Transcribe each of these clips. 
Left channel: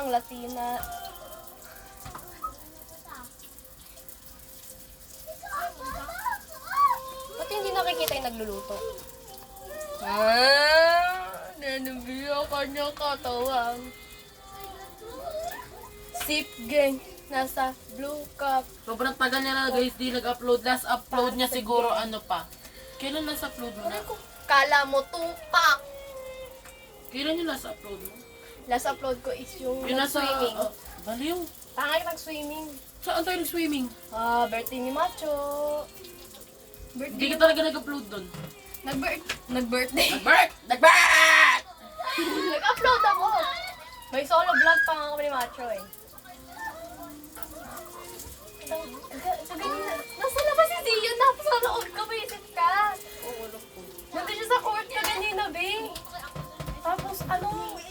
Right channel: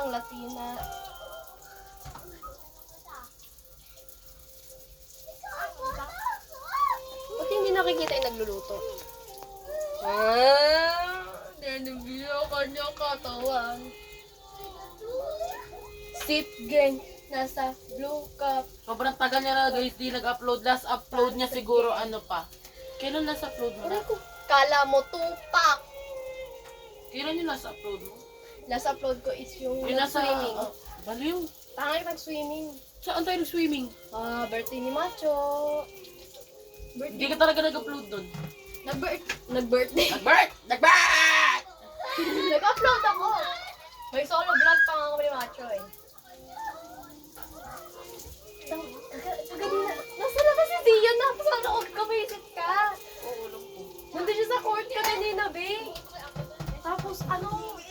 lang, Latina. Ba't hindi nakikita yung nagluluto? Nanubila kanyang katawan. Sip gang, nasa blue cup. Sobrang tagal niya na guys, di nag-upload. Last upload niya siguro ano pa. Kailan last upload mo na? Kala mo tupak. Kailan yung last upload mo? Last upload ko is yung Yung nasa... nag-swimming. Baliw. Tangay nag-swimming. Saan tayo nag-swimming? Birthday ni Macho. Hindi ka talaga nag-upload doon. Nag-birthday. Nag-birth! Nag-upload ako. May solo vlog pa ako ni Macho eh. Nasa labas si Zion na sa loob ka, visit ka. Nandun siya sa court ka kanina, be. Tapos ano?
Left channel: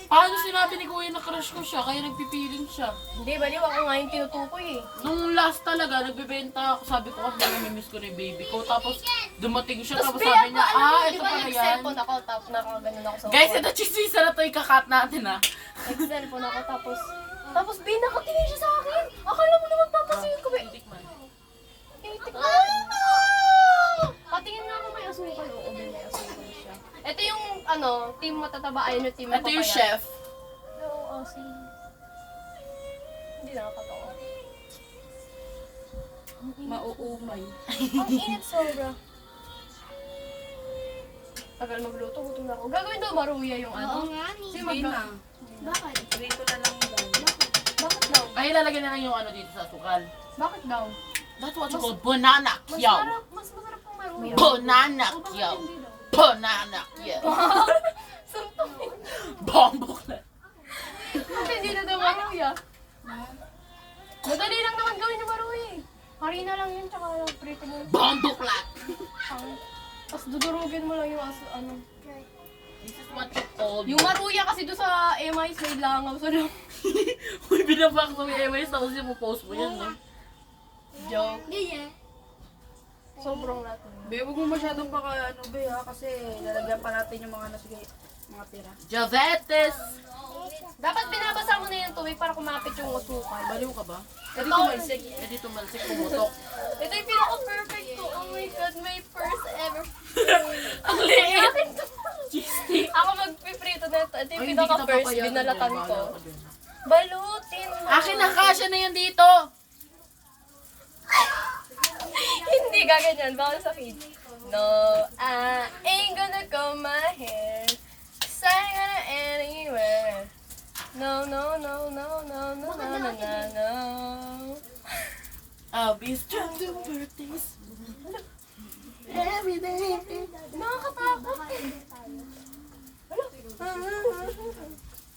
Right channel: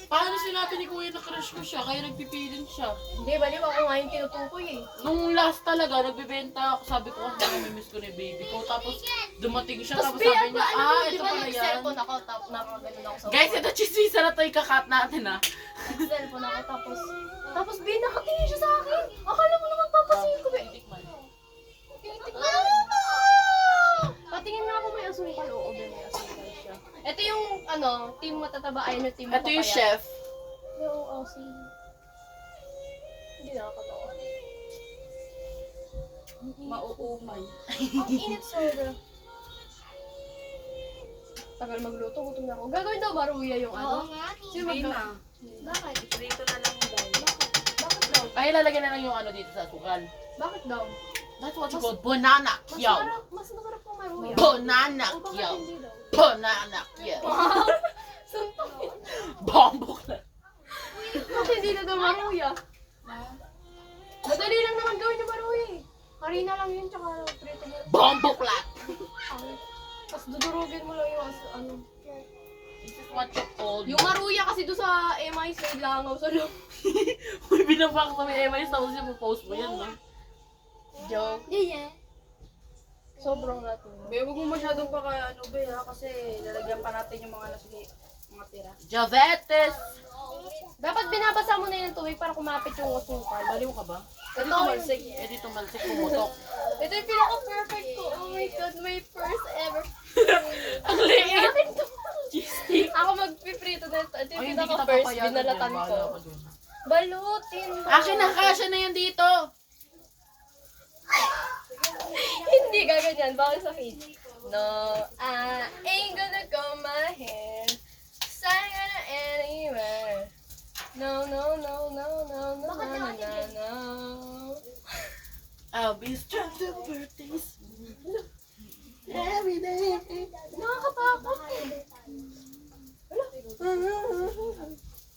Paano sinabi ni Kuya na crush ko siya, kaya nagpipiling siya? Hindi, baliw ako nga yung tinutukoy eh. Nung last talaga, nagbebenta ako, sabi ko kasi namimiss ko na yung baby ko. Tapos dumating siya, tapos Bea, sabi niya, di ito ba pala yan. nag-cellphone ako, tapos nakaganon ako sa Guys, court. ito chisisa na to, ikakat natin ha. Nag-cellphone ako, tapos be, nakatingin siya sa akin. Akala mo naman papasuyin ko, be. Tikman. Patingin nga ako may asukal. Oo, may asukal siya. Ito yung, team matataba. Ayun yung team Ito yung mapapayat. chef. Oo, hindi nakakatawa. Mauumay. Ang init sobra. Tagal magluto, gutom na ako. Gagawin daw maruya yung ano. nga ni. Kasi Hindi na. Bakit? Dito na lang daw. Bakit daw? Ay, lalagyan na lang yung ano dito sa sukal. Bakit daw? That's what you call banana Mas kyaw. masarap pong maruya. Banana O, bakit kyaw. hindi daw? Banana kyaw. Suntok. Bombok na. Bakit hindi na daw maruya? Madali lang naman gawin yung maruya eh. Harina lang yun, tsaka prito mo. Bombok lang. Tapos dudurugin mo lang yung ano. This is what you call. Yung maruya kasi doon sa MIs may langaw sa loob. Uy, binabak sa may MIS tapos yung post mo yan, no? Joke. Hindi niya. Sobrang natin. Be, huwag mo masyadong baka ano be ha, kasi lalagyan pa natin yung mga mga tira. Javetes! Dapat binabasa mo na yung tubig para kumapit yung asukal. Baliw ka ba? Ito, Eh, dito malsik pumutok. ito yung pinaka-perfect to. Oh my God, my first ever. Ang liit! Akin to. Cheese Ako magpiprito na ito. Ito yung Ay, hindi kita pinaka-first, papayagan binalatan dyan. ko. Bahala ka dyan. Balutin mo. Akin ang kasya na yan dito! Hindi gaganyan, bawal sa feed. No, I ain't gonna comb my hair. Cause I ain't gonna anywhere. No, no, no, no, no, no, no, no, no, no. I'll be strong to birthdays. Every day. Nakakatakot.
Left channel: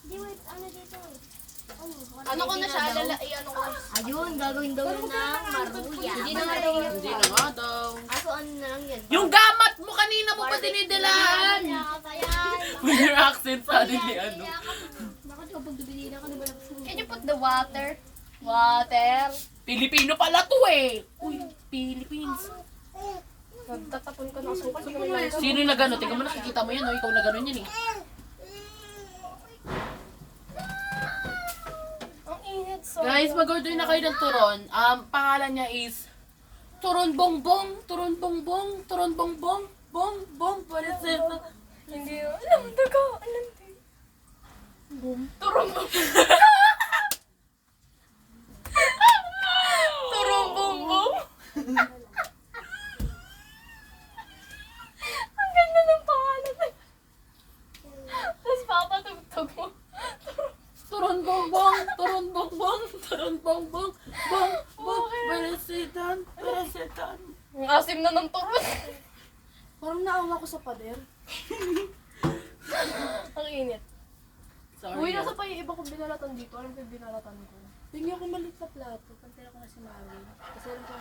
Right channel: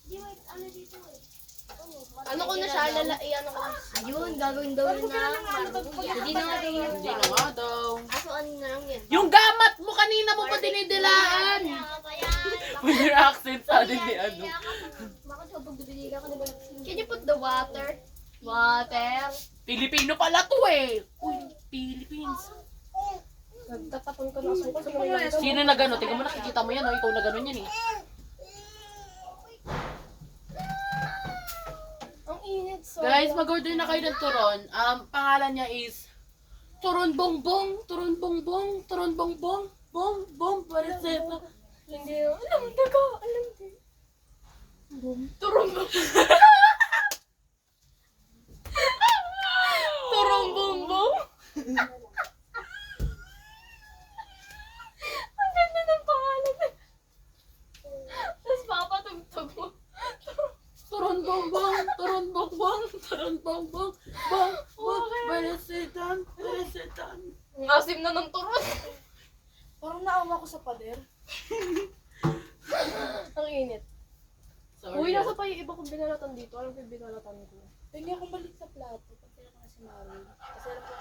Hindi, wait. Ano dito? Ano ko na siya, ano ko na. Ayun, gagawin daw yun ng maruya. Hindi na nga daw yan. Hindi na nga daw. Aso ano na lang yan? Yung gamat mo kanina mo pa dinidilaan! With your accent suddenly, ano? Bakit kapag dubili ka na ba? Can you put the water? Water. Pilipino pala to eh! Uy, Philippines. Nagtatapon ko ng asukal. Hindi ko may lang. Sino na gano'n? Tingnan mo, nakikita mo yan, oh. Ikaw na gano'n yan eh. Ang init, so. Guys, mag-order na kayo ng turon. Pangalan niya is Turon Bongbong, Turon Bongbong, Turon Bongbong, Bong, Bong, Pareset na. Hindi yun. Alam, daga. Alam, di. Turong bong. Turong bongbong. Ang ganda ng pangalan. Tapos papatugtog mo. Turon Bongbong, Turon Bongbong, Turon Bongbong, Bong, Bong, Paresetan, Paresetan. Ang asim na ng turon. Parang naawa ko sa pader. Ang init. Sorry. Uy, nasa pa yung iba kong binalatan dito. Alam ko yung binalatan ko. Tingnan ko maliit na plato. Pantira ko na si Marvin. Kasi alam ko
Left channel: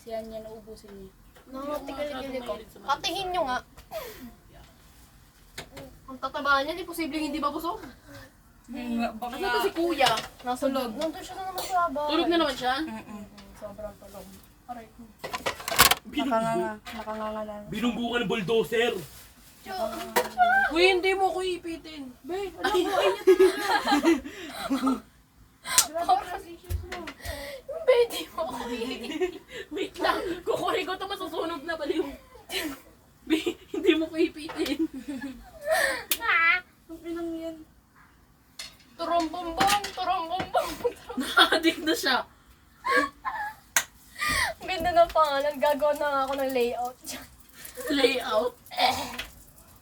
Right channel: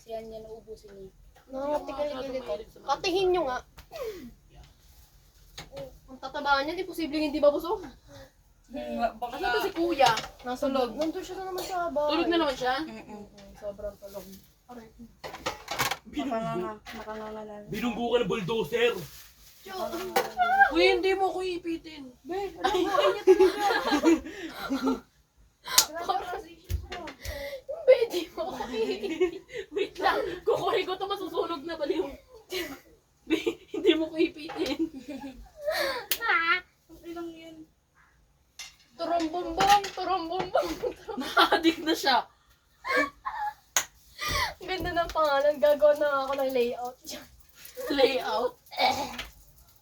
siya niya naubusin niya. Nakatigaligili ko. Katihin nyo nga. Ang tatabaan niya, di posibleng hindi babusog. Ano to si Kuya? Nasa loob. Nandun siya na naman sa bahay. Tulog na naman siya? Sobrang tulog. Aray. Nakanganga na. Binunggo ka ng bulldozer. Uy, hindi mo ko ipitin. Be, alam mo, ay niya talaga. Pwede mo ako Wait lang, kukunin ko ito, masusunog na pala yung... Hindi mo ko ipitin. Ang ilang yan. Turumbumbong, turumbumbong. Nakadik na siya. Ang ganda ng pangalan. Gagawa na nga ako ng layout dyan. Layout.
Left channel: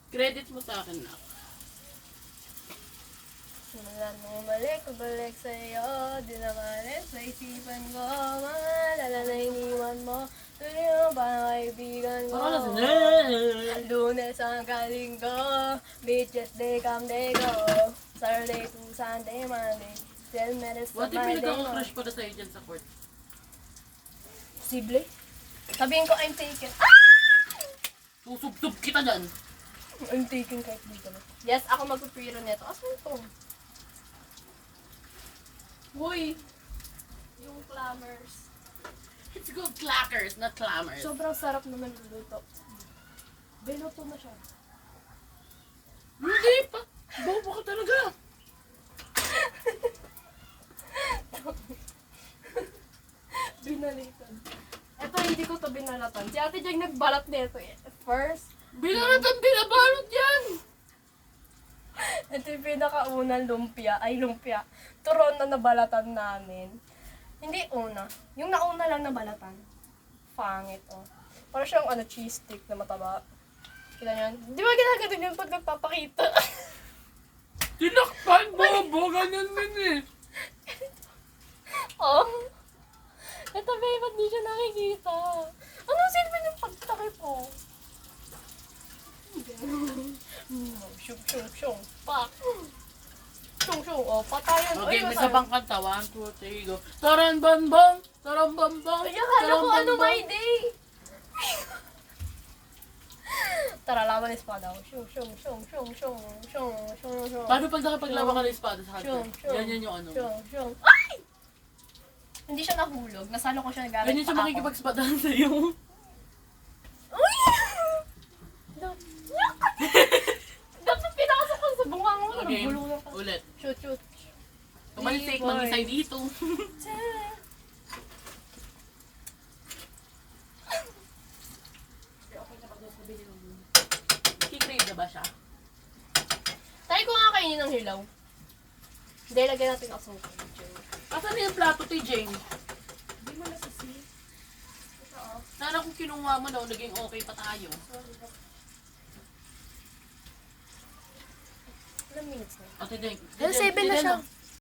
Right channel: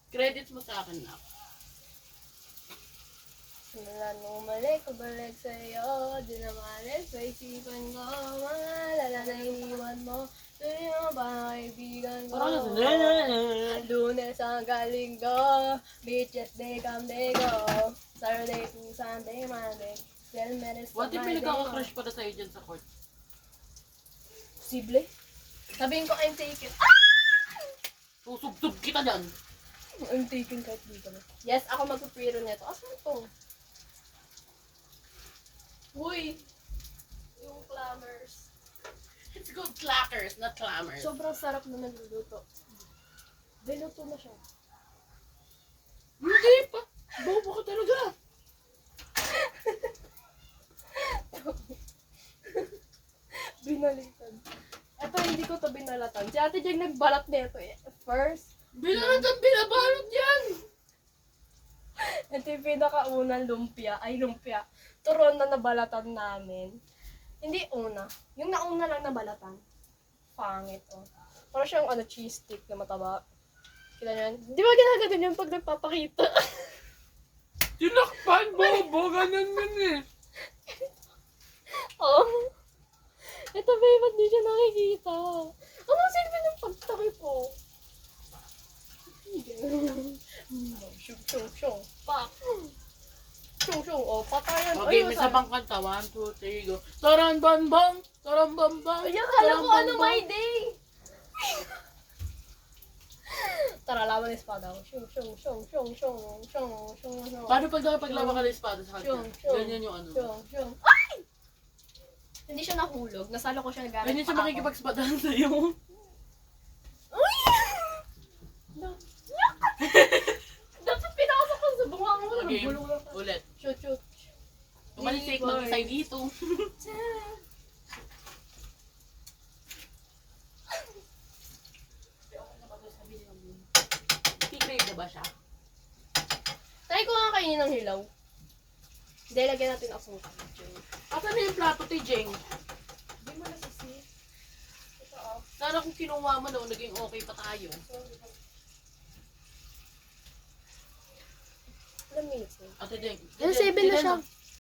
Credits mo sa akin na. Simula nung balik, pabalik sa'yo. Di na malis sa isipan ko. Maalala na iniwan mo. Tuloy mo pa na kaibigan ko. Lunes hanggang Linggo. Beaches day, come day go. Saturday to Sunday, Monday. 10 minutes What to if my may day. nagkaka-crush pala sa'yo dyan sa court? Posible. Sabihin ko, I'm taken. Susubsub kita dyan. I'm taken kahit dito. Yes, ako magpapiro nito. Asan ito? Uy! Yung clammers. It's good clackers, not clammers. Sobrang sarap naman luluto. Biluto na siya. Hindi pa. Bobo ka talaga. Binalitan. Ito, hindi ko to binalatan. Si Ate Jeng nagbalat nito eh. First, Binalatan, binabalot yan. ito yung pinakaunang lumpia. Ay, lumpia. Turon na nabalatan namin. Hindi una. Yung nauna lang nabalatan. Pangit, oh. Parang siyang cheese stick na mataba. Kailan yan? Di ba ginaganon yun pag nagpapakita? Tinakpan, bobo. Ganyan din eh. Oh. Ito, babe, ba't di siya nakikita? Ano silbi ng pagtakip po? Shung, shung, shung. Pa. Shung, shung. Oh, patayan. Okay, may sabang kanta. 1, 2, 3, go. Taran bambang, taran bambang. Ay, akala ko ano my day. Tara, laban ng espada. Shung, shung, shung, shung, shung, shung, shung, shung. Paano pag nakipaglaban ka ng espada sa Shung, hunter? shung. Ganyan yung ano. Shung, shung. Ay! Hindi siya nahulog. Nasalo ko siya gamit Ganyan siya pa ako. makikipagsapadahan sa'yo. Uy! Dapat pinakasok ko sa bunga mo. Okay, Nabulong na ka. ulit. Shoot, shoot. Tumalisik ng isay dito. Kikrave na ba siya? Try ko nga kainin ng hilaw. Hindi, lagyan natin asukal. Asan na yung plato, Jeng? Hindi mo nasisi. Ito oh. Sana kung kinuha mo daw, naging okay pa tayo. Ilang minutes na? Ate Jeng. Well, 7 na siya.